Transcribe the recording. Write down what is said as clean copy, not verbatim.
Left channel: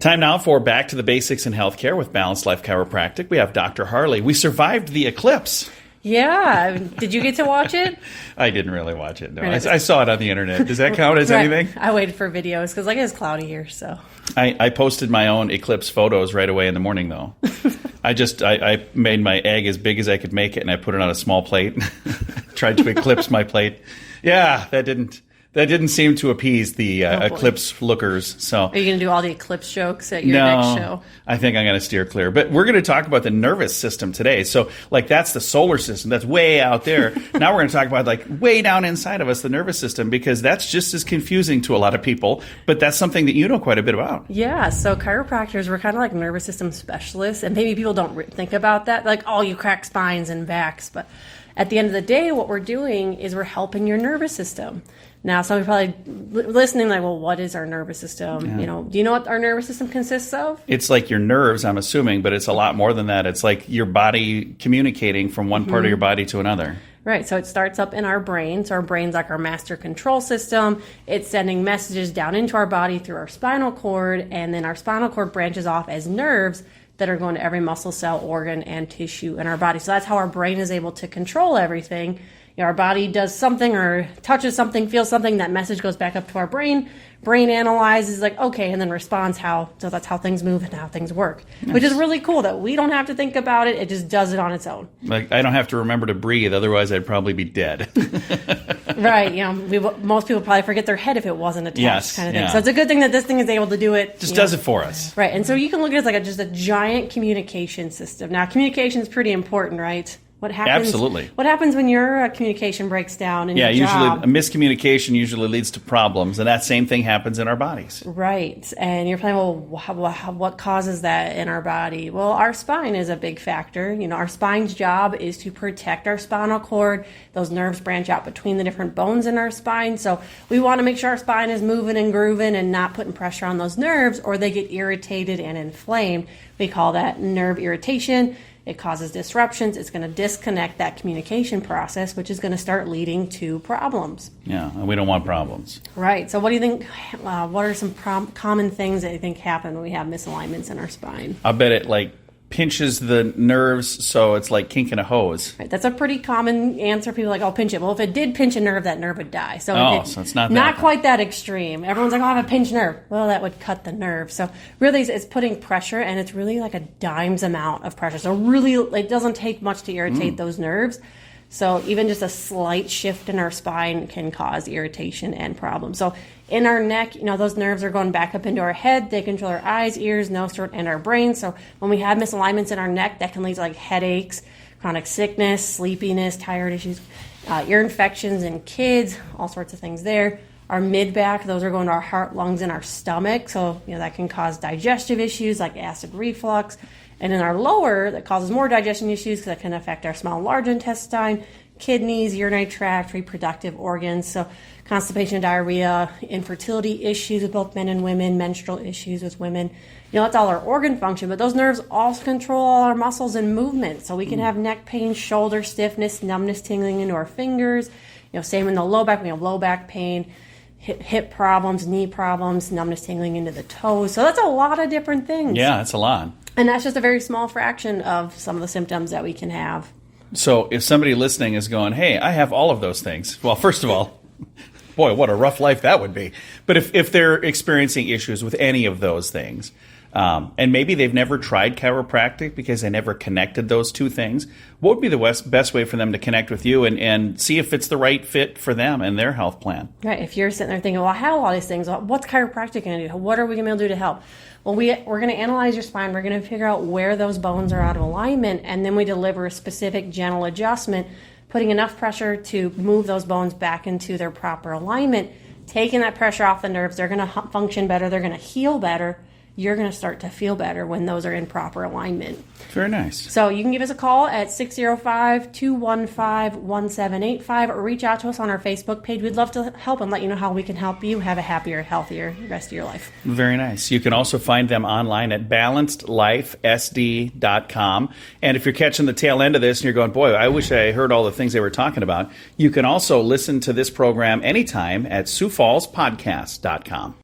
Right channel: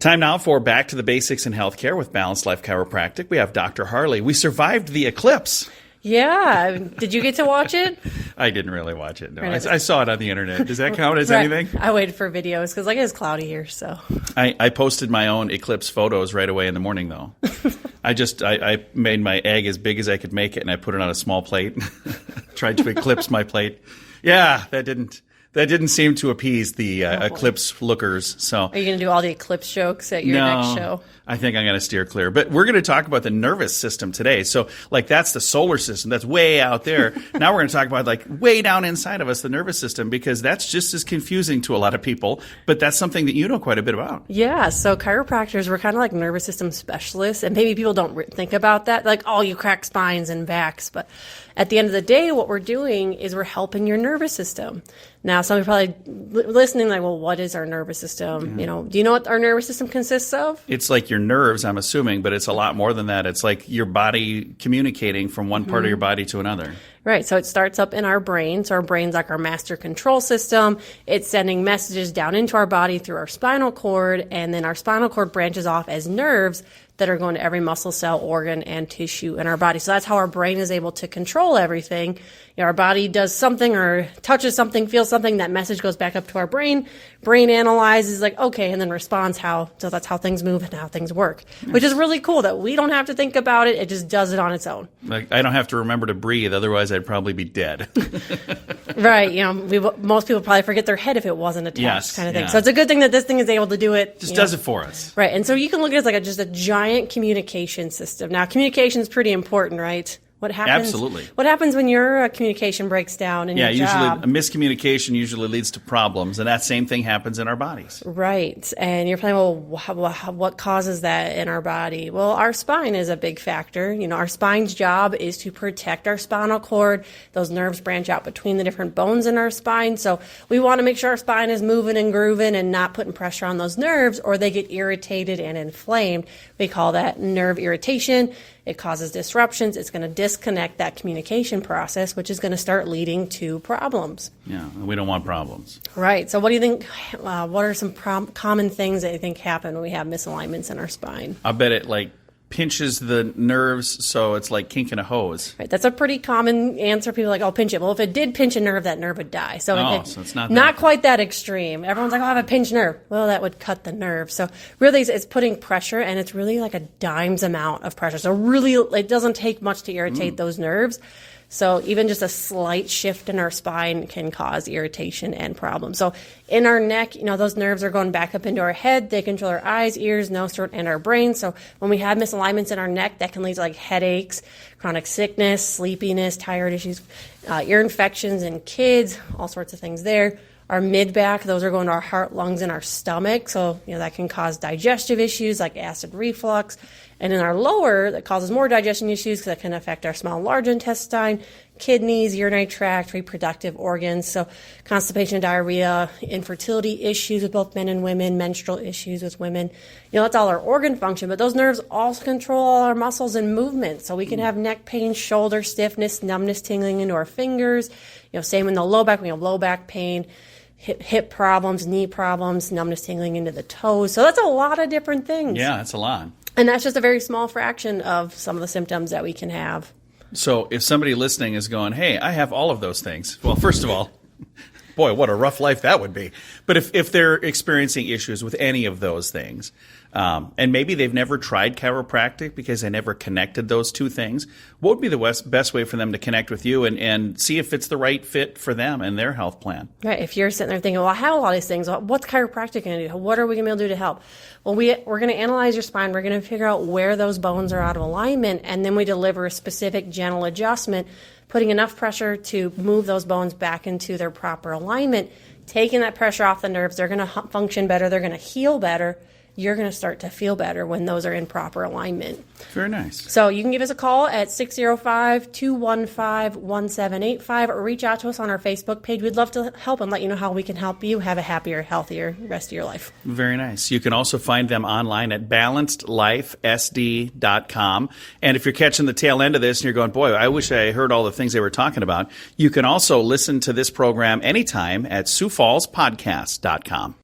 Time now for Back to the Basics in Healthcare with Balanced Life Chiropractic. We have Dr. Harley. We survived the eclipse. Yeah. Did you get to watch it? I didn't really watch it. No, I saw it on the internet. Does that count as anything? I waited for videos because it is cloudy here. So I posted my own eclipse photos right away in the morning, though. I made my egg as big as I could make it, and I put it on a small plate. Tried to eclipse my plate. Yeah, that didn't seem to appease the eclipse lookers. So, are you going to do all the eclipse jokes at your next show? I think I'm going to steer clear. But we're going to talk about the nervous system today. So, like, that's the solar system. That's way out there. Now we're going to talk about, like, way down inside of us, the nervous system, because that's just as confusing to a lot of people. But that's something that you know quite a bit about. Yeah. So chiropractors, we're kind of like nervous system specialists. And maybe people don't think about that. Like, oh, you crack spines and backs. But at the end of the day, what we're doing is we're helping your nervous system. Now, some people are probably listening like, well, what is our nervous system? Yeah. Do you know what our nervous system consists of? It's like your nerves, I'm assuming, but it's a lot more than that. It's like your body communicating from one part of your body to another. Right. So it starts up in our brain. So our brain's like our master control system. It's sending messages down into our body through our spinal cord, and then our spinal cord branches off as nerves that are going to every muscle, cell, organ, and tissue in our body. So that's how our brain is able to control everything. Our body does something or touches something, feels something, that message goes back up to our brain. Brain analyzes like, okay, and then responds how. So that's how things move and how things work, nice. Which is really cool that we don't have to think about it. It just does it on its own. Like, I don't have to remember to breathe. Otherwise, I'd probably be dead. Right. Most people probably forget their head if it wasn't attached, kind of thing. Yeah. So it's a good thing that this thing is able to do it. Just does it for us. Right. And so you can look at it as like just a giant communication system. Now, communication is pretty important, right? What happens? Absolutely. What happens when your communication breaks down in your job? Usually a miscommunication usually leads to problems, and that same thing happens in our bodies. Right. And you're playing, well, what causes that in our body? Well, our spine is a big factor. Our spine's job is to protect our spinal cord. Those nerves branch out between the different bones in our spine. So we want to make sure our spine is moving and grooving and not putting pressure on those nerves, or they get irritated and inflamed. We call that nerve irritation. It causes disruptions. It's going to disconnect that communication process, which is going to start leading to problems. Yeah, and we don't want problems. Right. So what do you think, what are some common things that you think happen when we have misalignments in our spine? I bet it pinches the nerves, so it's like kinking a hose. Right. That's a pretty common answer. People are like, oh, pinch it. Well, if it did pinch a nerve, that nerve would die. So it's not quite that extreme. Everyone's like, oh, I have a pinched nerve. Well, that would cut the nerve. So really, it's putting pressure, and it's really like a dime's amount of pressure. So really, it doesn't take much to irritate those nerves. So even just a slight shift in our spine can cause irritation and problems. So in our neck, those nerves are going back up into our head. They control our eyes, ears, nose, throat, and our brain. So when we have misalignments in our neck, that can lead to headaches, chronic sickness, sleepiness, thyroid issues, ear infections in kids, all sorts of things there. Our mid-back, those are going to our heart, lungs, and our stomach. So, that can cause digestive issues like acid reflux. And in our lower, that causes more digestion issues because that can affect our small and large intestine, kidneys, urinary tract, reproductive organs. So constipation, diarrhea, infertility issues with both men and women, menstrual issues with women. That's all our organ function, but those nerves also control all our muscles and movement. So we can have neck pain, shoulder stiffness, numbness, tingling into our fingers. Same in the low back, we have low back pain, hip problems, knee problems, numbness, tingling into the toes. So that's a lot of different things. Yeah, that's a lot. And that's just a very small fraction of some of the symptoms that we can have. So if somebody listening is going, hey, I have all of those things. Well, first of all, boy, what a rough life that would be. But if they're experiencing issues with any of those things, and maybe they've never tried chiropractic because they never connected those two things, what would be the best way for them to connect with you and see if it's the right fit for them and their health plan? Right. If you're sitting there thinking, well, I have a lot of these things. What's chiropractic going to do? What are we going to be able to do to help? Well, we're going to analyze your spine. We're going to figure out where those bones are out of alignment, and then we deliver a specific gentle adjustment, putting enough pressure to move those bones back into their proper alignment, taking that pressure off the nerves. They're going to function better. They're going to heal better. You're going to start to feel better when those are in proper alignment. Very nice. So you can give us a call at 605-215-1785 or reach out to us on our Facebook page. We'd love to help and let you know how we can help you have a happier, healthier rest of your life. Very nice. You can also find them online at balancedlifesd.com. And if you're catching the tail end of this and you're going, boy, I wish I heard all the things they were talking about, you can also listen to this program anytime at SiouxFallsPodcast.com.